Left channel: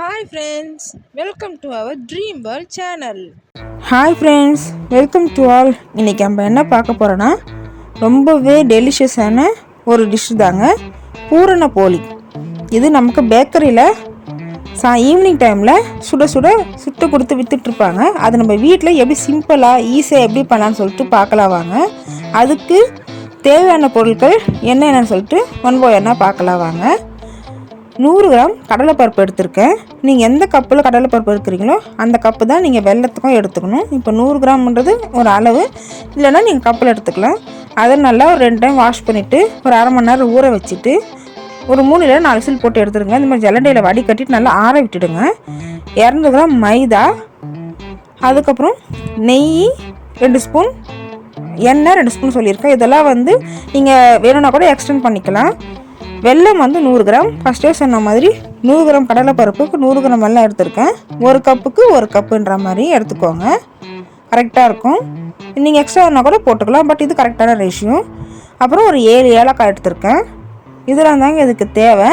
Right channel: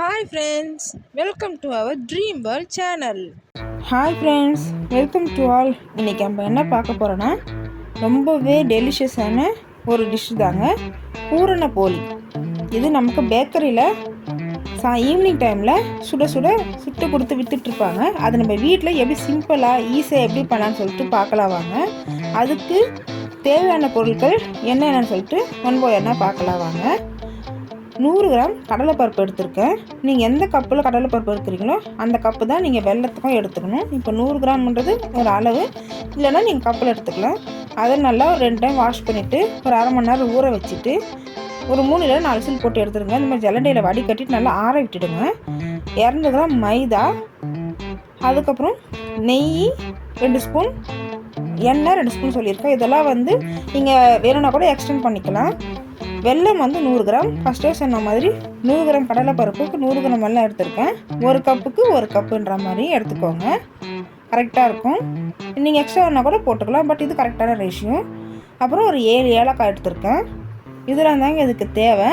Hi friends welcome to our dream world channel hi friends welcome to all இன்றைக்கி நம்ம என்ன பார்க்க போகிறோன்னா ரொம்பவே டெலிஷியஸான ஒரு டிஷ் தாங்க பூரண போலி. இது நமக்கு பேக்கரியில் சா ஈவினிங் டைமில் சுட சுட சுட்டு கொடுத்து விற்றுட்ருப்பாங்க அது நம்ம வீட்டில் எப்படி சிம்பிளாக ஈஸியாக எப்படி பண்ணலான்னு சொல்லிட்டு பார்க்கலாம் வாங்க. அதுக்கு தேவையான பொருட்கள் என்னென்னு சொல்லிட்டு ஒன் பை பார்க்கலாம் வாங்க. நூறு கிராம் கடலைப்பருப்பு எடுத்திருக்கேன். நீங்கள் எந்த கப்பில் கடலைப்பருப்பு எடுக்கிறீங்களோ அந்த கப்பு தான் நீங்கள் வெள்ளத்துக்கும் எடுத்துக்கணும். இப்போ நூறு கிராம்ன்றது ஒரு அளவு. இல்லைன்னா நீங்கள் கப்பில் எடுத்துக்கலாம். அதை நல்லா ஒரு ரெண்டு டைம் வாஷ் பண்ணிவிட்டு ஒரு அரை மணி நேரம் ஊற வச்சுட்டு ஒரு மூணு இல்லை நாலு சில் போட்டு எடுத்துருங்க. இந்த மாதிரி ஜலண்டையில் வடி கட்டிட்டு நல்லா ஆற விட்டுடுங்க. இரநூறு கிராம் மைதா அதுக்கப்புறம் நெய் ரெண்டு ஸ்பூன் எண்ணெய் ரெண்டு ஸ்பூன் சொல்லியிருக்கேன். இதெல்லாம் வந்து நீங்கள் வேணும்னா கூட எக்ஸ்டெண்ட் பண்ணிக்கலாம். வெல்லம் வந்து நூறு கிராம். ஃபஸ்ட்டே சொன்ன மாதிரி நூறு கிராம் கடலை பருப்புக்கு நூறு கிராம் வெல்லம் எடுத்திருக்கேன். ஒரு கப்புக்கு ஒரு கப்புன்ற மாதிரி எடுத்துக்கோங்க. கரெக்டாக இருக்கும். நீங்கள் எக்ஸ்ட்ரா வேணால் கூட போட்டுக்கலாம் பட் இது கரெக்டான ரேஷியோ அப்புறம் ஒரு ஏழு ஏலக்காய் எடுத்திருக்கேன். இதெல்லாம் தாங்க இதுக்கு தேவை.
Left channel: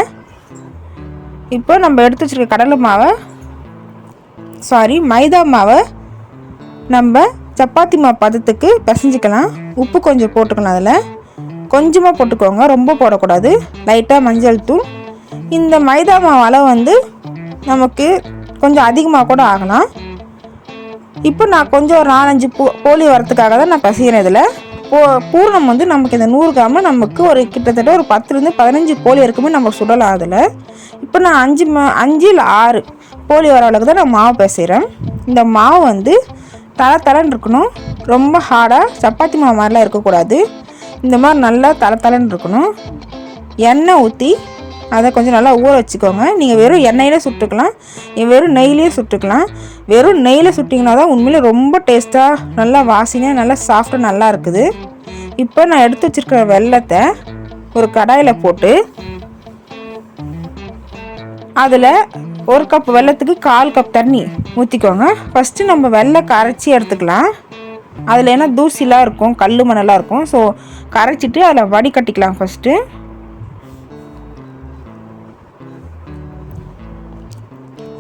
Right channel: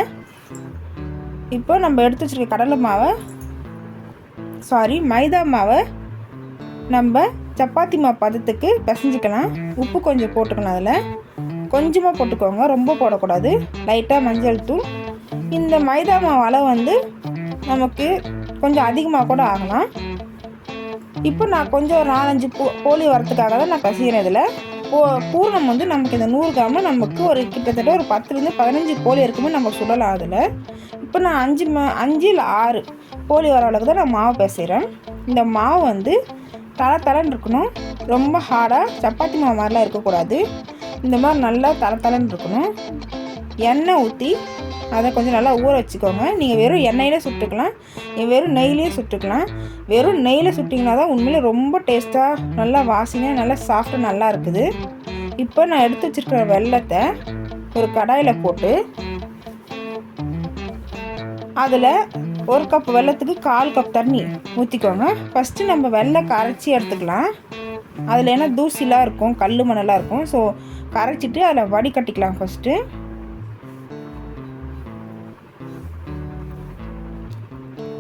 இப்போ நம்ம எடுத்து வச்சுருக்க கடலை மாவை சாரி மைதா மாவை நம்ம சப்பாத்தி மாவு பதத்துக்கு பிசைஞ்சிக்கலாம். உப்பு கொஞ்சம் போட்டுக்கலாம் அதில். கொஞ்சமாக போட்டுக்கோங்க. ரொம்ப போடக்கூடாது. லைட்டாக மஞ்சள் தூள். இந்த மைதா மாவு அளவு வந்து நமக்கு கொஞ்சம் அதிகமாக கூட ஆகலாம். இப்போ நான் கொஞ்சம் ஒரு நாலஞ்சு போ போலி வரத்துக்காக தான் நான் பசிக்கிறேன் இதில். போ பூர்ணம் வந்து நமக்கு இந்த நூறு கிராம நமக்கு ஒரு கிட்டத்தட்ட ஒரு பத்துலேருந்து பதினஞ்சு போலி இருக்குமே நம்ம சுடலாம் அதில். இப்போ நான் அஞ்சு மா அஞ்சில் ஆறு போலி வர அளவுக்கு தான் நான் மாவு பேசுகிறேன் இந்த மாவு வந்து தர தரன்னு இருக்கணும். ரொம்ப ஹார்டாக சப்பாத்தி மாவு மாதிரிலாம் இருக்கக்கூடாது. இந்த மாதிரி நல்லா தலை இருக்கணும். எண்ணெய் ஊற்றி அதை கொஞ்சம் நல்லா ஊற வச்சுக்கோங்க. நீங்கள் வெறும் எண்ணெயிலே சுட்டுக்கலாம். வெறும் நெய்லேயே சுட்டுக்கலாம். வெறும் நெய்யில் சுட்டிங்கன்னா தான் உண்மையில் ரொம்ப டேஸ்ட்டாக நல்லா வாசனையாக நல்லா சாஃப்டாக நல்லா இருக்குது. இப்போ நான் எடுத்து வச்சுருக்கிற வெள்ளத்தை ஒரு கடாயில் போட்டு அதில் ஒரு கப் வெள்ளத்துக்கு கால் கப் தண்ணி ஊற்றிக்கோங்க ஃபஸ்ட்டு நம்ம வெள்ளை கரைச்சி எடுத்துக்கலாம். அதில் என்ன தூசிலாம் இருக்கும் கல் மணலாக இருக்கும். ஸோ கரைச்சிட்டு அதில் வடிகட்டிக்கலாம் ஃபஸ்ட்டு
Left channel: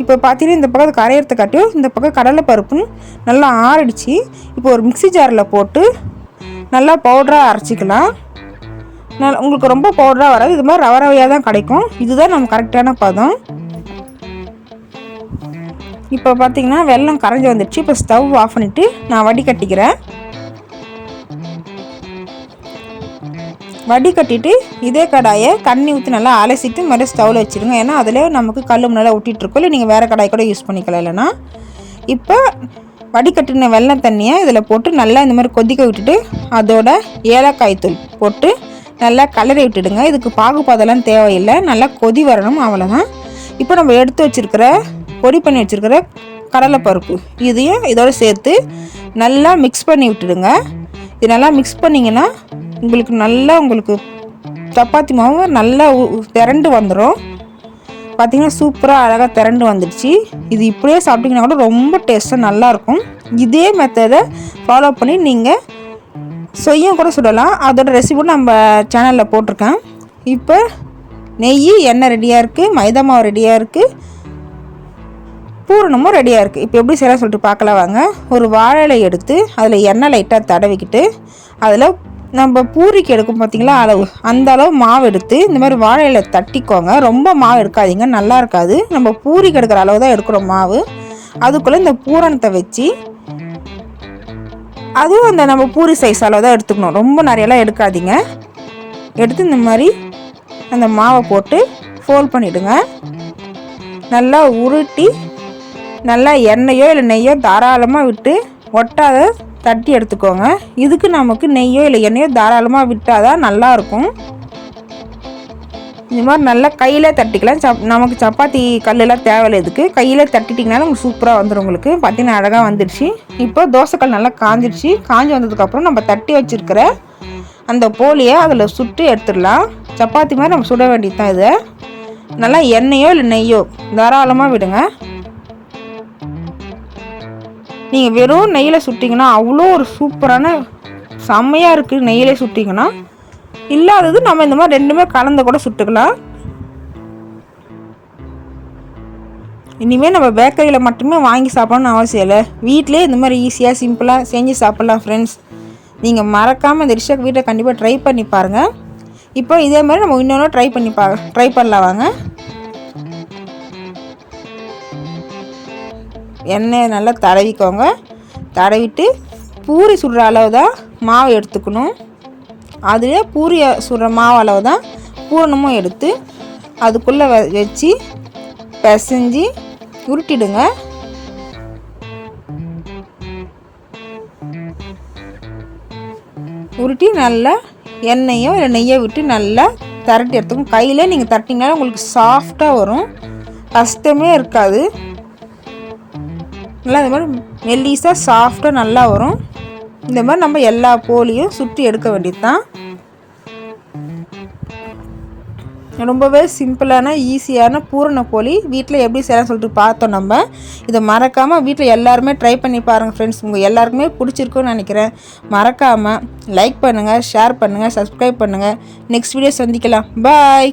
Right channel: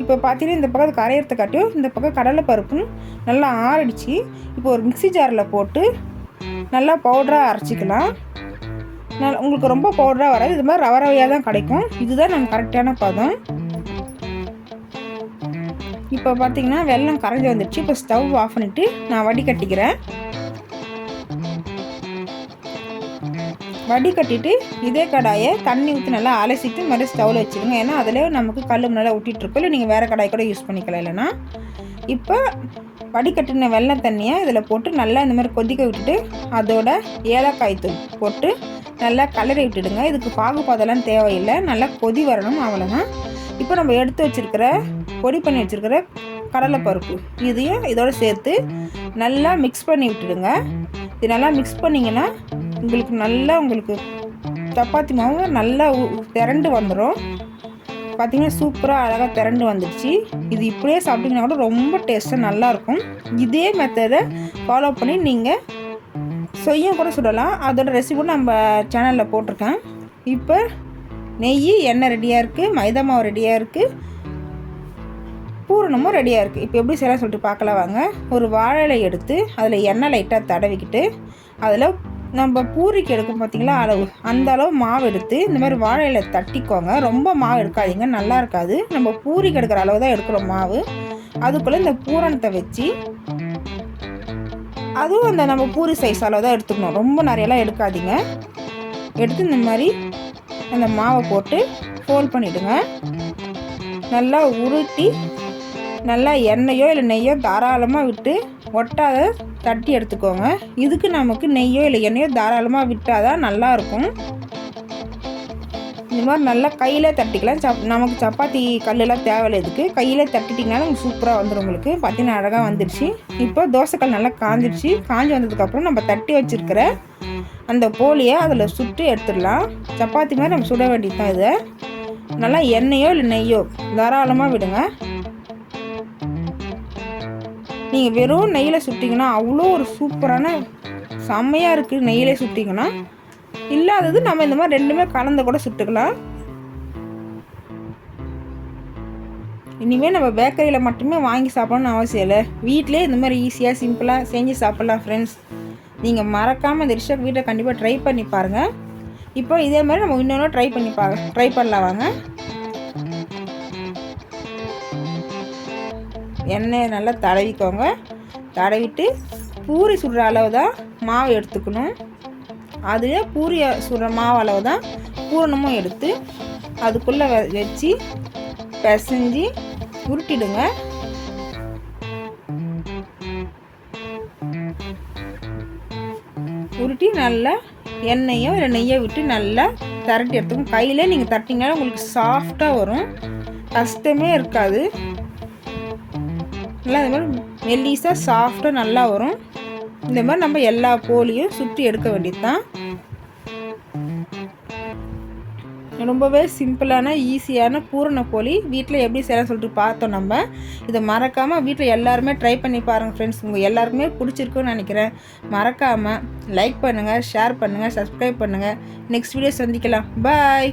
இப்போ பார்த்தீங்கன்னா இந்த பக்கம் கரையிறதுக்காட்டியும் இந்த பக்கம் கடலை பருப்புன்னு நல்லா ஆறடிச்சு. இப்போ ஒரு மிக்சி ஜாரில் போட்டு நல்லா பவுடராக அரைச்சிக்கலாம். நல்லா உங்களுக்கு ரொம்ப பவுடராக வராது. இது மாதிரி ரவ ரவையாக தான் கிடைக்கும். இதுதான் நம்ம கரெக்டான பதம். இப்போ பார்த்தீங்கன்னா வெள்ளம் கரைஞ்சி வந்துடுச்சு. இப்போ ஸ்டவ் ஆஃப் பண்ணிவிட்டு நான் வடிகட்டிக்கிறேன் வடிகட்டிட்டு இதே கடாயை தண்ணி ஊற்றி நல்லா அலசிட்டு மறுபடியும் ஸ்டவ்வில் வச்சுருங்க ஏன்னா அதில் நமக்கு கல் நல்லா விட்டிட்டுருக்கோம் இல்லை நீங்கள் வேறு கடாய் கூட யூஸ் பண்ணிக்கலாம் இல்லைன்னா. இப்போ வடிகட்டின வெள்ளம் தண்ணியை இதில் போட்டு நல்லா இந்த மாதிரி கொதிக்க விட்டுட்டு அதோட ஏலக்காய் தூள் போட்டு நல்லா கலரி விட்டுடுங்க. இதுக்கு பாகுபாதெல்லாம் தேவையில்லை. நல்லா கொதி வரணும். அவ்வளோதான் இப்போ நம்ம எடுத்து வச்சுருக்கிற பொடி பண்ணி வச்சுருக்கிற கடலைப்பருப்பு. இதையும் இதோடு சேர்த்து நல்லா மிக்ஸ் பண்ணி விட்டுடுங்க. இது நல்லா மிக்ஸ் பண்ணிங்கன்னா உங்களுக்கு நல்லா உங்களுக்கு சப்பாத்தி மாவு நல்லா திரண்டு வந்துடும் பார்த்திங்கன்னா சூப்பராக அழகாக திரண்டு வந்துடுச்சு. இது இப்படியே சாப்பிட்டிங்கன்னா கூட ரொம்ப டேஸ்ட்டாக நல்லாயிருக்கும். இதே மெத்தடை ஃபாலோ பண்ணி நீங்கள் சொய்யும் கூட சுடலாம். அதோட ரெசிபி நம்ம சேனலில் போட்டிருக்கேன். இப்போ நெய் எண்ணெய் ரெடியாக இருக்குது மைதா மாவு ரெடியாக இருக்குது பூரணமும் ரெடியாக இருக்குது இப்போ எப்படி செய்யலாம் சொல்லிட்டு பார்க்கலாம் வாங்க. ஒரு வாழை எடுத்து அதில் எண்ணெய் லைட்டாக தடவிக்கிட்டு அதில் நம்ம பூரிக்கு எடுக்கும் பார்த்தீங்களா அளவு அந்த அளவு மாவு எடுத்து இந்த மாதிரி வாழையில் தட்டிக்கோங்க. ரொம்ப மாவு எடுக்காதீங்க நல்லா இருக்காது. நம்ம பூரிக்கு எடுக்கிற அளவு தான் எடுக்கிறோம் மாவு. அதுக்குள்ளே இந்த பூரணத்தை வச்சு அதுவும் அந்த நம்ம பூரி சைஸ் அளவு தான் எடுத்துக்கணும். ரொம்ப நிறையெல்லாம் எடுக்காதீங்க. எடுத்து இந்த மாதிரி அந்த மாவை போட்டு ஃபோல்ட் பண்ணிவிடுங்க நல்லா உருட்டி நல்லா எண்ணெயோ இல்லை நெய்யோ தாராளமாக விட்டு ஒட்டாத தட்டி எடுத்துக்கோங்க. இதுக்கு நமக்கு நெய்யோ இல்லை எண்ணெயோ தாராளமாக விட்டால் தான் நல்லாயிருக்கும். இந்த மாதிரி நல்லா கையில் தட்டிக்கலாம். சப் நமக்கு சப்பாத்தி கல்லெல்லாம் தேவையில்லை இதுக்கு. கையில் தட்டிட்டிங்கனாலும் உங்களுக்கு சூப்பராக வந்துடும் உங்களுக்கு. பார்த்தீங்கன்னா அழகாக வந்துடுச்சு இப்போ தோசைக்கல் நல்லா காஞ்சிடுச்சு காஞ்சி வந்ததுக்கப்புறம் நம்ம தட்டி வச்சுருக்கிற அந்த போலியை அதில் சுட்டு எடுத்துடலாம். சப்பாத்தி மாதிரி நம்ம சுட வேண்டியது தான் இதை. நல்லா எண்ணெயோ இல்லை நெய்யோ தாராளமாக விடுங்க. நீங்கள் வெறும் நெய்யில் சுட்டிங்கன்னா அவ்வளோ ஒரு சூப்பரான செம்மையாக இருக்குது நெய்யில் சுட்டிங்கன்னா. இல்லாதது நம்ம இந்த மாதிரி ரெண்டுமே கலந்து கூட சுட்டுக்கலாம். இனிமேல் நம்ம பேக்கரியில் மட்டுமே வாங்கி சாப்பிடணும்னு அவசியம் இல்லை. வீட்டிலே இந்த மாதிரி ஈஸியாக சிம்பிளாக செஞ்சு சாப்பிட்லாம் ஃப்ரெண்ட்ஸ் நீங்கள் மறக்காமல் இந்த டிஷ்ஷை வீட்டை கண்டிப்பாக ட்ரை பண்ணி பாருங்கள் இப்போ இதே மாதிரி நம்ம இன்னொன்று ட்ரை பண்ணி பா ட்ரை பண்ணலாம் வாங்க. எண்ணெயை நல்லா தடவிக்கோங்க. தடவிட்டு பூரி சுடுற அளவு தான் மாவு எடுத்துக்கணும். அதிலே பூரி சுடுற மாவு அளவு தான் பூரணமும் எடுத்து அதுக்குள்ளே வ வச்சு பிசைஞ்சு உருட்டிடுங்க. உருட்டி நல்லா எண்ணெயோ இல்லை நெய்யோ விட்டு நல்லா தரட்டி எடுத்துக்கணும். கையில் நீங்கள் தட்டிங்கனாலும் உங்களுக்கு சாஃப்டாக வரும். கஷ்டமே இருக்காது. நல்லா இந்த மாதிரி மெல்லிஸாக சாஃப்டாக நல்லா வரும். இந்த மாதிரி நம்ம எல்லா போலியும் சுற்றி எடுக்க வேண்டியது தான் ரொம்பவே சிம்பிளான ஈஸியான பூரண போலி. வீட்டில் எப்படி செய்யலாம் சொல்லிட்டு பார்த்தோம் நம்ம. இதை மறக்காமல் வீட்டில் எல்லாருமே ட்ரை பண்ணி பாருங்கள் ஃப்ரெண்ட்ஸ் உங்கள் எல்லாருக்குமே பிடிச்சிருக்குன்னு நினைக்கிறேன். மறக்காமல் லைக் பண்ணுங்கள் ஷேர் பண்ணுங்கள் சப்ஸ்கிரைப் பண்ணுங்கள் நெக்ஸ்ட் வீடியோ சந்திக்கலாம். பாய்